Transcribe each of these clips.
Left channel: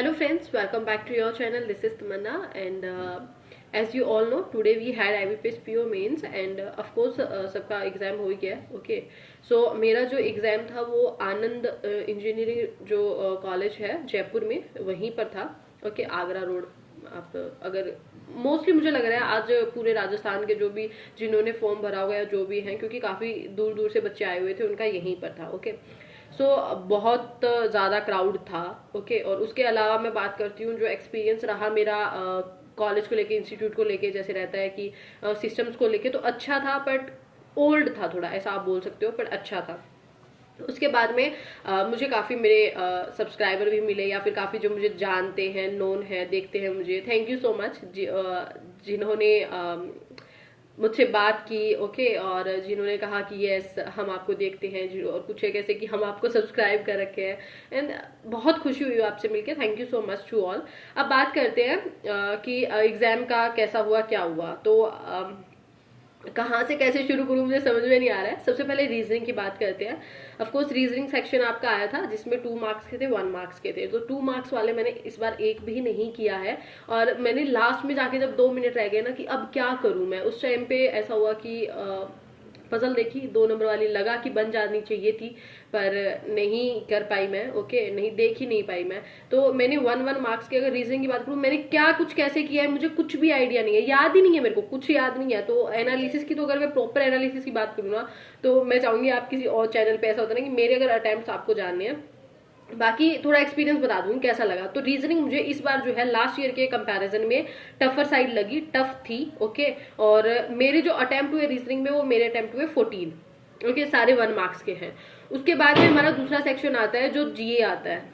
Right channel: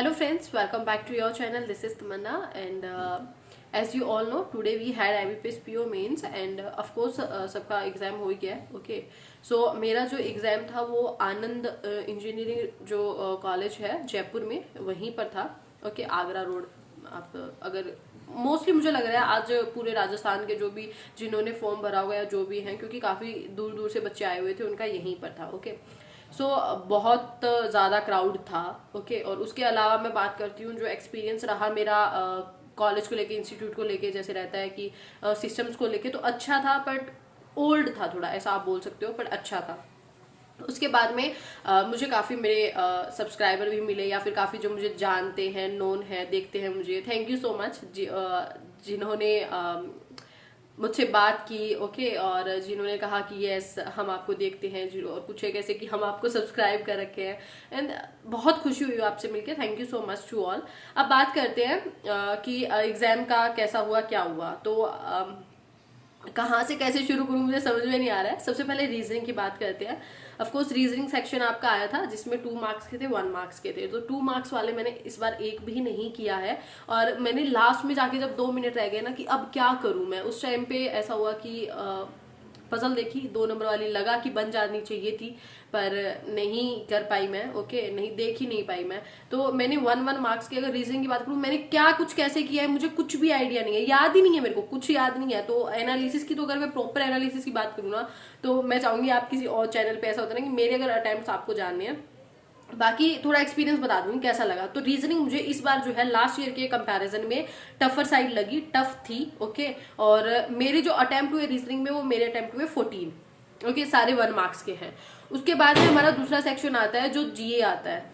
Hello friends, welcome back to your channel. This is Tamanna and as you all know today we had IBPS PO mains and of course सबका exam हो ही गया है. Okay so मेरा जो exam था वो आनंद engineering जो college है जयपुर में वहीं पर था. Okay Agra road. आप अगर मोस्टली मुझे लग रहा है आज पूरे राजस्थान के जो भी जिन्होंने फॉर्म भरा हुआ है जो भी हैं, क्योंकि काफ़ी दूर दूर से बच्चे आए हुए थे, उनका यहीं पर था. ओके सो बहुत ज़्यादा क्राउड था. ओके और उसके अलावा मैं बात करती हूँ जो एक्सपीरियंस रहा मेरा कॉलेज को लेके, इंस्टीट्यूट को लेके, जैसे रहता है कि सिस्टम्स को लेके तो अच्छा था, बट ओल्ड था थोड़ा, ऐसा आप बोल सकते हो, बट अच्छा था. उसके बाद में मुझे काफ़ी मेरे सब्सक्राइबर भी मिले, या फिर काफ़ी जो मुझे जानते हैं, नोन है, देखते हैं मुझे. थैंक यू सो मच जिन्होंने मुझसे बात की. ओके और जिन्होंने कहा कि यस हम आपको देखते हैं, और कुछ है कैसे कि हम आपको सब्सक्राइब कर रखे हैं. एंड बहुत खुशी हुई आपसे मिलके. Thank you so much to all. अब बात करते हैं कि एग्जाम का कैसा हुआ, क्या हुआ. तो कहाँ से कैसे शुरू करूँ मुझे समझ में नहीं आ रहा है. सबसे पहले रीजनिंग की बात करते हैं. ऑफ कोर्स रीजनिंग सेक्शन आपका आया था जिसमें 2 मार्क्स के थे, 1 मार्क्स के थे. तो 2 मार्क्स वाले मैंने इस बार एक भी नहीं किया है. और मैंने लास्ट में जाके जब 2 मिनट रह गए ना कि अब क्या करूँ मैं, उस टाइम पे ऐसा हुआ कि पजल देखी 2 नंबर वाली, लगा कि बन जानी चाहिए थी पर नहीं कर पाई मैं. ओके नहीं देख ही नहीं पाई मैं. तो मैंने 1 मार्क्स की अगर रीजनिंग की बात करूँ, मैंने क्या कुछ कैसे किया है मुझे कुछ भी आइडिया नहीं है, याद ही नहीं है, मेरे को कुछ याद नहीं है. तो एनालिसिस की तो अगर मैं प्रॉपर एनालिसिस की बात करूँ ना, तो मैं चाहूंगी आप किसी और चैनल पे, ऐसा होता है ना कि मेरे अगर अटेम्प्ट आपको जानने हैं, बाकी थोड़ा एक्सपीरियंस बता दूंगी कैसा लगा. तो रीजनिंग मुझे इस बार जो है लास्ट ईयर के कंपैरिजन में टफर साइड लगी, टफ थी. ओके और मेरे जो अटेम्प्ट हुए रीजनिंग में, वो मेरे अटेम्प्ट हुए 14. ओके सारे 1 मार्क्स के हैं. उसके बाद में हमारा दूसरा सेक्शन आता है जो जीए आता है.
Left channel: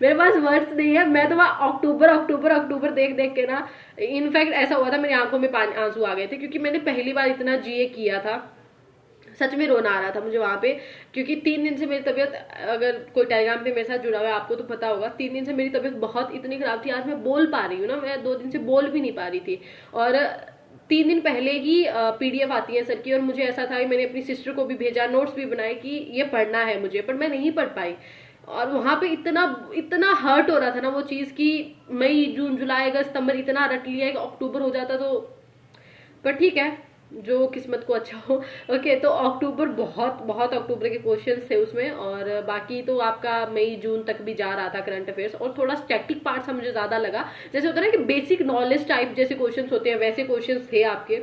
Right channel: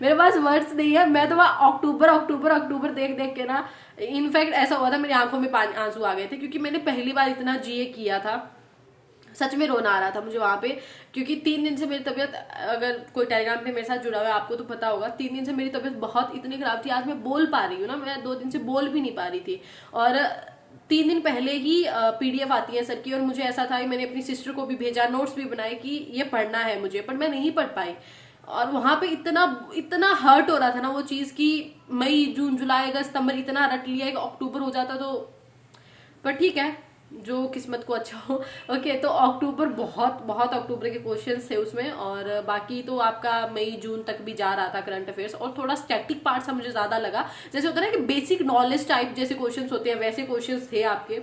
मेरे पास वर्ड्स नहीं है, मैं तो वहाँ अक्टूबर अक्टूबर अक्टूबर देख देख के ना, इनफैक्ट ऐसा हुआ था मेरी आंखों में पानी आंसू आ गए थे, क्योंकि मैंने पहली बार इतना जीए किया था. सच में रोना आ रहा था मुझे वहां पे, क्योंकि 3 दिन से मेरी तबीयत, अगर कोई टेलीग्राम पे मेरे साथ जुड़ा हुआ है आपको तो पता होगा, 3 दिन से मेरी तबीयत बहुत इतनी खराब थी. आज मैं बोल पा रही हूँ ना, मैं 2 दिन से बोल भी नहीं पा रही थी. और 3 दिन पहले ही पीडीएफ आती है सबकी, और मुझे ऐसा था कि मैंने अपनी सिस्टर को भी भेजा, नोट्स भी बनाए कि ये पढ़ना है मुझे, पर मैं नहीं पढ़ पाई. और वहां पे इतना इतना हर्ट हो रहा था ना वो चीज की, मई जून जुलाई अगस्त सितंबर इतना रट लिया कि अक्टूबर हो जाता तो, पर ठीक है जो किस्मत को अच्छा हो. ओके तो अक्टूबर बहुत बहुत अक्टूबर के क्वेश्चंस थे उसमें, और बाकी तो आपका मई जून तक भी जा रहा था करंट अफेयर्स. और थोड़ा स्टैटिक पार्ट सा मुझे ज्यादा लगा, जैसे होता है ना कि बेसिक नॉलेज टाइप जैसे क्वेश्चंस होते हैं, वैसे क्वेश्चंस थे आपके,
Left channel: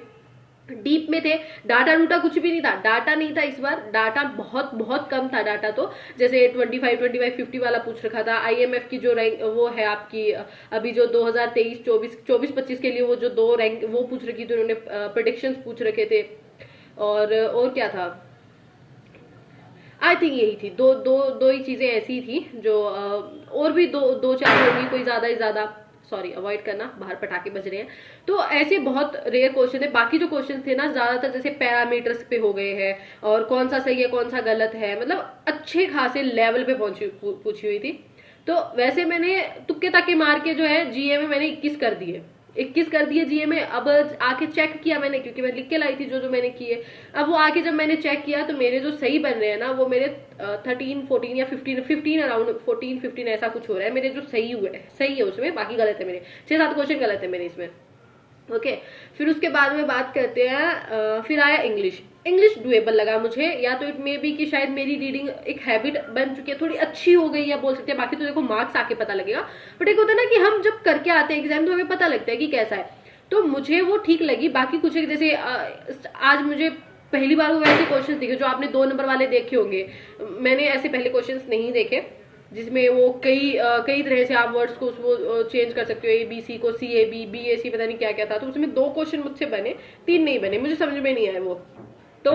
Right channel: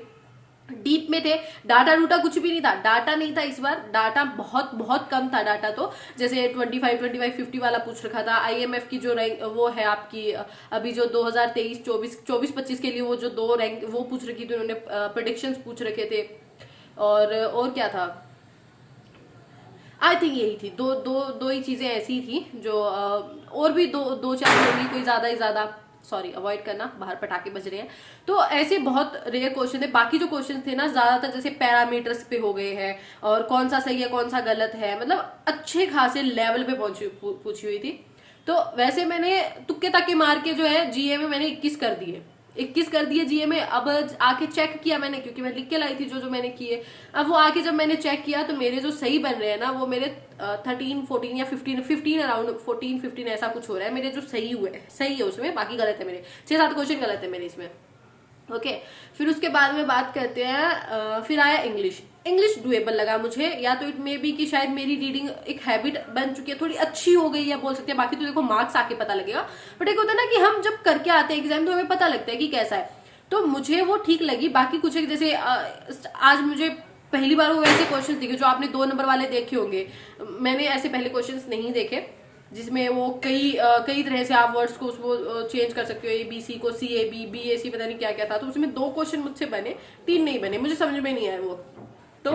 डीप में थे. डाटा डूटा कुछ भी नहीं था, डाटा नहीं था इस बार, डाटा बहुत बहुत कम था. डाटा तो जैसे 25 50 वाला पूछ रखा था. आईएमएफ की जो रैंक वो है आपकी अभी जो 2023 24 25 के लिए वो जो 2 रैंक वो पूछ रखी थी उन्होंने, प्रिडिक्शंस पूछ रखे थे. और क्या था, आई थिंक यही थी, दो ही चीजें ऐसी थी जो और भी दो चार होंगी, कोई ज्यादा ही ज्यादा, सॉरी अवॉइड करना, बाहर पटाखे बज रहे हैं. तो ऐसे बहुत रेयर क्वेश्चन थे. बाकी जो क्वेश्चन थे ना ज्यादातर जैसे पैरामीटर्स पे हो गए हैं, और कौन सा सही है कौन सा गलत है, मतलब अच्छे खासे लेवल पे पूछी हुई थी. तो वैसे मैंने तुक्के ताके मार के जो है जीए में मैंने 21 कर दिए जीए में. अब आके चेक किया मैंने, क्योंकि मैं लिख के लाई थी जो जो मैंने किए. अब वो आके जब मैंने चेक किया तो मेरे जो सही बन रहे हैं ना, वो मेरे 13 14 या 15 अराउंड 14 15 ऐसा कुछ हो रहा है मेरे जो सही हुए हैं. सही है उसमें, बाकी गलत है मेरे 6-7 क्वेश्चन गलत है मेरे इसमें. ओके फिर उसके बाद में बात करते हैं, फिर आया इंग्लिश डुएबल लगा मुझे, या तो इट मे बी कि शायद मेरी रीडिंग एक हैबिट बन चुकी है, थोड़ी अच्छी हो गई है बोल सकते हैं. बाकी तो देखो मार्क्स आके पता लगेगा, बट एक होता है ना कि हम जब करके आते हैं एग्जाम तो हमें पता लगता है कि कैसा है. तो मुझे वो ठीक लगी. बाकी कुछ एक जैसे आज मुझे पहली बार वो वैसे क्वेश्चन दिखे जो आपने 2 नंबर वाले देखे होंगे, मैंने ऐसे पहले क्वेश्चन नहीं देखे, जिसमें वो कई तरह से आप वर्ड्स को उसको चेंज कर सकते हो, ABC को CAB BAC पता नहीं क्या क्या था. तो उसमें 2 क्वेश्चन मुझसे बने, 3 नहीं बने, मुझे समझ में नहीं आया वो. तो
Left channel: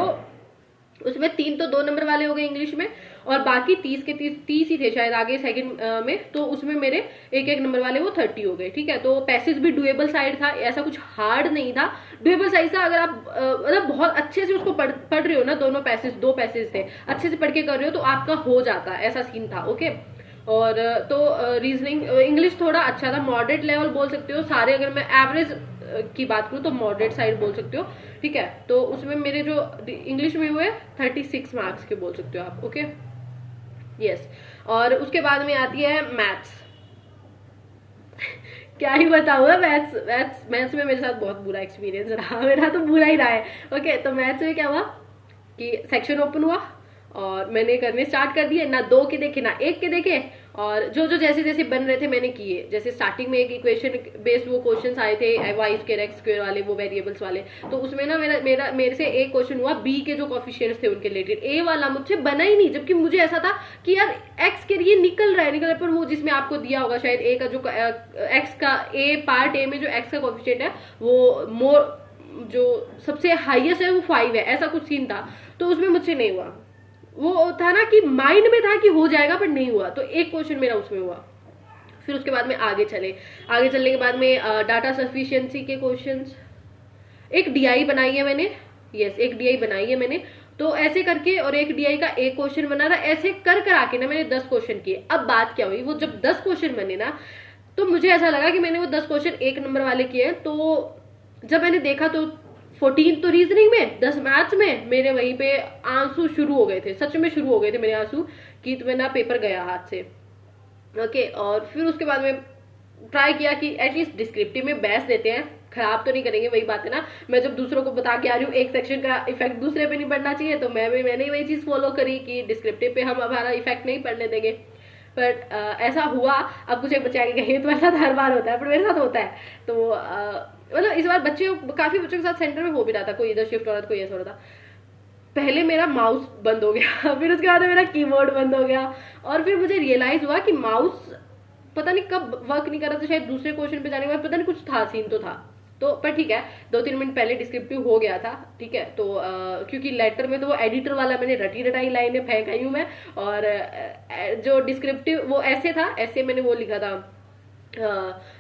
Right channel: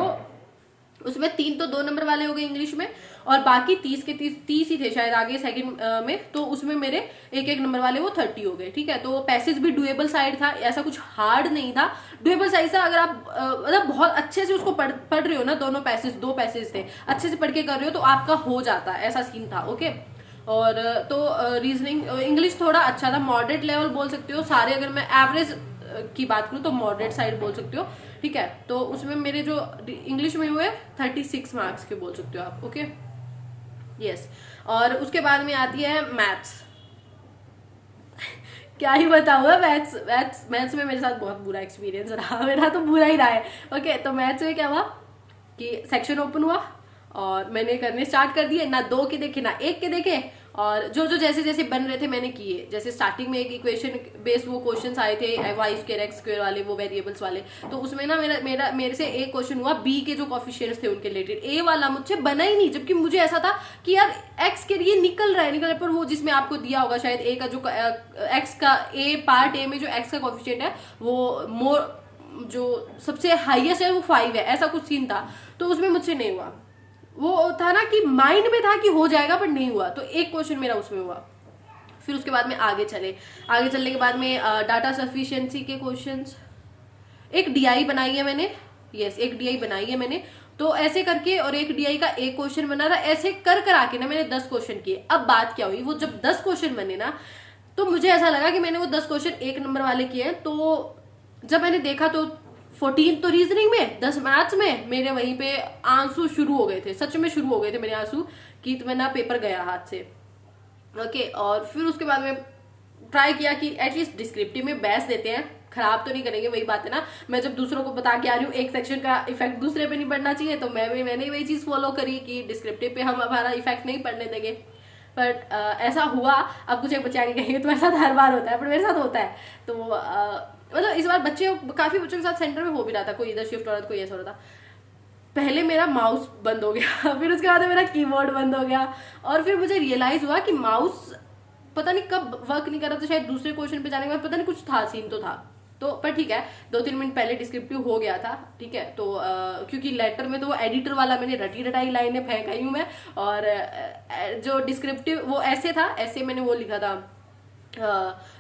उसमें 3 तो 2 नंबर वाले हो गए इंग्लिश में, और बाकी 30 के 30 ही थे शायद आगे सेकंड में. तो उसमें मेरे 1 नंबर वाले वो 30 हो गए. ठीक है तो पैसेज भी डुएबल साइड था, ऐसा कुछ हार्ड नहीं था, डुएबल साइड था. अगर आप मतलब बहुत अच्छे से उसको पढ़ रहे हो ना, दोनों पैसेज 2 पैसेज थे, अच्छे से पढ़ के कर रहे हो तो आपका हो जाता, ऐसा सीन था. ओके और तो रीजनिंग इंग्लिश थोड़ा अच्छा था, मॉडरेट लेवल बोल सकते हो. सारे अगर मैं एवरेज की बात करूँ तो मॉडरेट साइड बोल सकते हो. ठीक है तो उसमें मेरे जो इंग्लिश में हुए 36 मार्क्स के बोल सकते हो आप. Okay yes. और उसके बाद में आती है मैथ्स। क्या ही बताऊँ, मैथ्स में मेरे साथ बहुत बुरा एक्सपीरियंस रहा, मेरा तो बुरा ही रहा है। ओके, तो मैथ्स में क्या हुआ कि सेक्शन ओपन हुआ और मैंने करने स्टार्ट कर दिए, ना 2 के देखे ना 1 के देखे, और जो जो जैसे जैसे बन रहे थे मैंने किए। जैसे स्टार्टिंग में एक इक्वेशन बेस्ड वो क्वेश्चंस आए थे, वाई स्क्वायर एक्स स्क्वायर वाले, वो वेरिएबल्स वाले, तो उसमें ना मेरे से एक क्वेश्चन हुआ बी के जो कोफिशिएंट्स थे उनके रिलेटेड, ए वाला मुझसे बना ही नहीं, जबकि मुझे ऐसा था कि यार एक्स के लिए निकल रहा है, पर वो जिसमें आपको दिया होगा शायद ए का जो एक्स का ए पार्ट ए में जो एक्स का कोफिशिएंट है वो जो सबसे हाईएस्ट है वो 5 है, ऐसा कुछ सीन था। तो उसमें मुझसे नहीं हुआ। वो था ना कि माइंड में था कि हो जाएगा पर नहीं हुआ, तो एक क्वेश्चन मेरा उसमें हुआ। फिर उसके बाद में आगे चलने के बाद में डाटा सफिशिएंसी के क्वेश्चंस, एक डीआई बनाई है मैंने, यस एक डीआई बनाई है मैंने, तो ऐसे करके, और एक डीआई का एक क्वेश्चन बना था, ऐसे कर आके ना मैंने 10 क्वेश्चन किए। अब बात क्या हुई, वो जब 10 क्वेश्चन बने ना, तो मुझे ऐसा लगा कि मैंने वो 10 क्वेश्चन 1 नंबर वाले किए। तो जब मैंने देखा तो 14 तो रीजनिंग में, 10 मैथ्स में, मेरे वहीं पे आंसू शुरू हो गए थे, सच में शुरू हो गए थे मेरे आंसू, कि तो मेरा पेपर गया हाथ से। ओके, और फिर उसके बाद में ट्राई किया कि एटलीस्ट डिस्क्रिप्टिव में बेस्ट देते हैं, खराब तो नहीं करेंगे। वही बात है ना, मैं जब दूसरों को बता के आ रही हूँ एक सेक्शन का इफेक्ट दूसरे पे नहीं पड़ना चाहिए, तो मैंने वही चीज फॉलो करी कि डिस्क्रिप्टिव पे हम हमारा इफेक्ट नहीं पड़ने देंगे। पर ऐसा हुआ, अब कुछ एक बच्चे आगे कहेंगे तो ऐसा हर बार होता है, पर मेरे साथ होता है। तो मतलब इस बार काफी बच्चों के साथ सेंटर में हो भी रहा था, कोई इधर शिफ्ट हो रहा था, कोई ऐसा हो रहा था। पहले मेरा माउस बंद हो गया, फिर उसके बाद मेरा कीबोर्ड बंद हो गया, और फिर मुझे रियलाइज हुआ कि माउस पता नहीं कब वर्क नहीं कर रहा था, शायद दूसरे क्वेश्चन पे जाने के बाद पता नहीं कुछ था, सीन तो था। तो पर ठीक है, 2-3 मिनट पहले डिस्क्रिप्टिव हो गया था, ठीक है। तो क्योंकि लेटर में तो वो एडिटर वाला मैंने रटाई लाइनें फेंक आई हूँ मैं, और जो डिस्क्रिप्टिव वो ऐसे था, ऐसे मैंने वो लिखा था,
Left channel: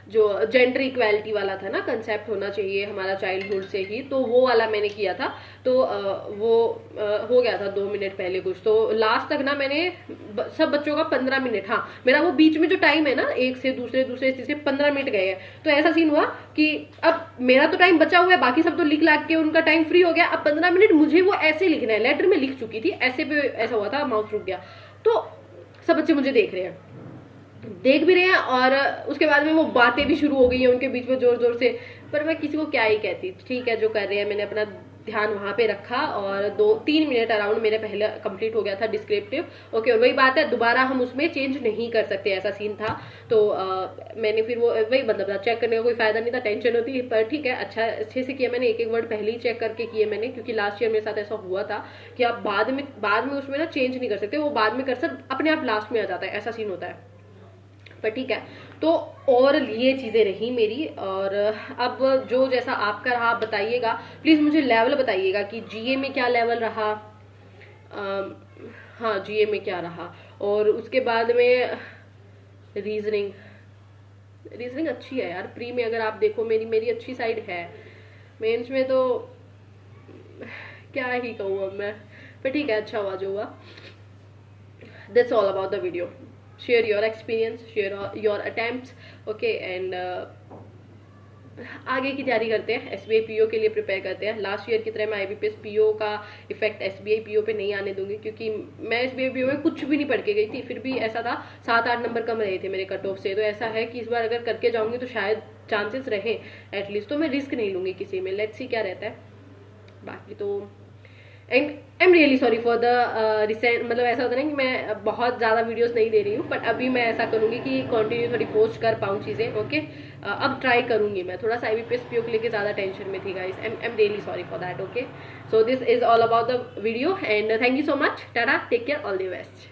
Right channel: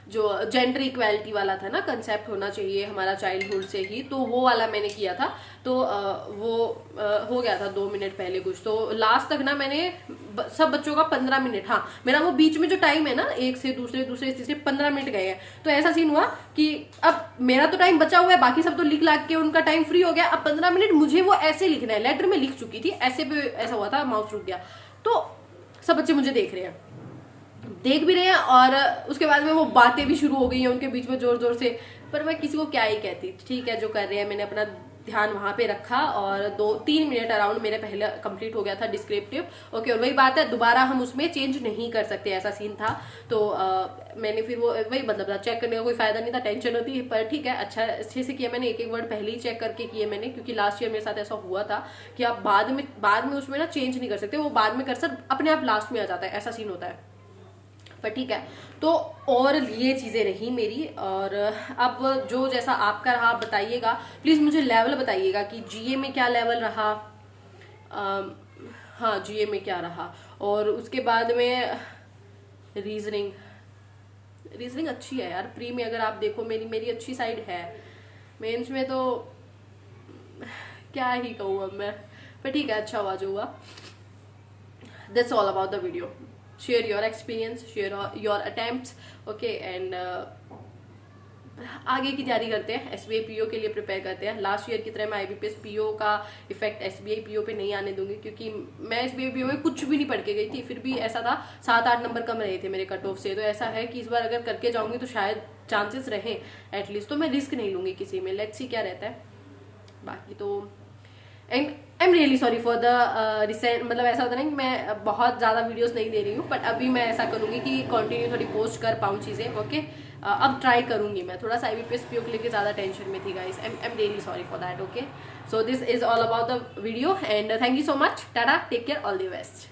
जो जेंडर इक्वालिटी वाला था ना, कंसेप्ट होना चाहिए हमारा चाइल्डहुड से ही, तो वो वाला मैंने किया था। तो वो हो गया था 2 मिनट पहले कुछ। तो लास्ट तक ना मैंने सब बच्चों का 15 मिनट, हाँ मेरा वो बीच में जो टाइम है ना, एक से दूसरे तीसरे 15 मिनट गए हैं। तो ऐसा सीन हुआ कि अब मेरा तो टाइम बचा हुआ है, बाकी सब तो लिख लाख के उनका टाइम फ्री हो गया, अब 15 मिनट मुझे वो ऐसे लिखना है। लेटर में लिख चुकी थी, ऐसे पे ऐसा हुआ था, माउस रुक गया। तो सब बच्चे मुझे देख भी रहे हैं, और उसके बाद में वो बातें भी शुरू हो गई हैं उनके बीच में जोर जोर से, पर मैं किसी को क्या ही कहती। ठीक है, जो कर रहे हैं, मैंने अपना ध्यान वहां पे रखा, और 2-3 मिनट अराउंड मेरे पहले कंप्लीट हो गया था डिस्क्रिप्टिव। ओके, और वही बात है, दोबारा हम उसमें चेंज नहीं कर सकते, ऐसा सीन था। तो मैंने फिर वो वही मतलब चेक करने का कोई फायदा नहीं था, टेंशन होती, पर ठीक है, अच्छे से किया मैंने, एक वर्ड पहले ही चेक करके किए मैंने, क्योंकि लास्ट ईयर मेरे साथ ऐसा हुआ था कि आप बाद में उसमें ना चेंज नहीं कर सकते, वो बाद में कर्सर अपने आप लास्ट में आ जाता है, ऐसा सीन होता है। पर ठीक है, तो और ये चीज़ें रही मेरी। और अब जो जैसा आपका रहा बताइएगा प्लीज़, मुझे लेवल बताइएगा कि जीए में क्या लेवल रहा। हाँ, जीए में क्या रहा, और उसके बाद में रीजनिंग अच्छी है यार। प्री में अगर आप देखो मेरी अच्छी साइड है, मेंस में तो क्या ही कहूँ अब मैं, पर ठीक है, अच्छा हुआ जो हुआ। That's all about the video. Share your experience, share your attempts, okay, and आगे की तैयारी करते हैं, एसबीआई पीओ के लिए प्रिपेयर करते हैं। लास्ट ईयर की तरह मैं आईबीपीएस पीओ का इफेक्ट एसबीआई पीओ पे नहीं आने दूंगी, क्योंकि मैं एसबीआई पीओ में कुछ भी नहीं पढ़ के गई थी, फिर भी ऐसा था 7-8 नंबर कम रहे थे मेरे कट ऑफ से। तो ऐसा है कि इस बार अगर करके जाऊंगी तो शायद चांसेस रहे एटलीस्ट, तो मैं रिस्क नहीं लूंगी किसी में, लेट्स सी क्या रहता है। बाकी तो आई am really sorry for the recent, मतलब ऐसा होता है ना कि मैं बहुत ज़्यादा वीडियोस नहीं दे रही हूँ, बट अभी मैं ऐसा करूँगी कि कंटिन्यू थोड़ी पोस्ट कर पाऊँ चीज़ें। ओके, अब ट्राई करूँगी मैं, थोड़ा सा आईबीपीएस पीओ को लेके ज़्यादा टेंशन में थी guys, I am really sorry for that. Okay, so this is all about the video, and thank you so much, tata, take care, all the best.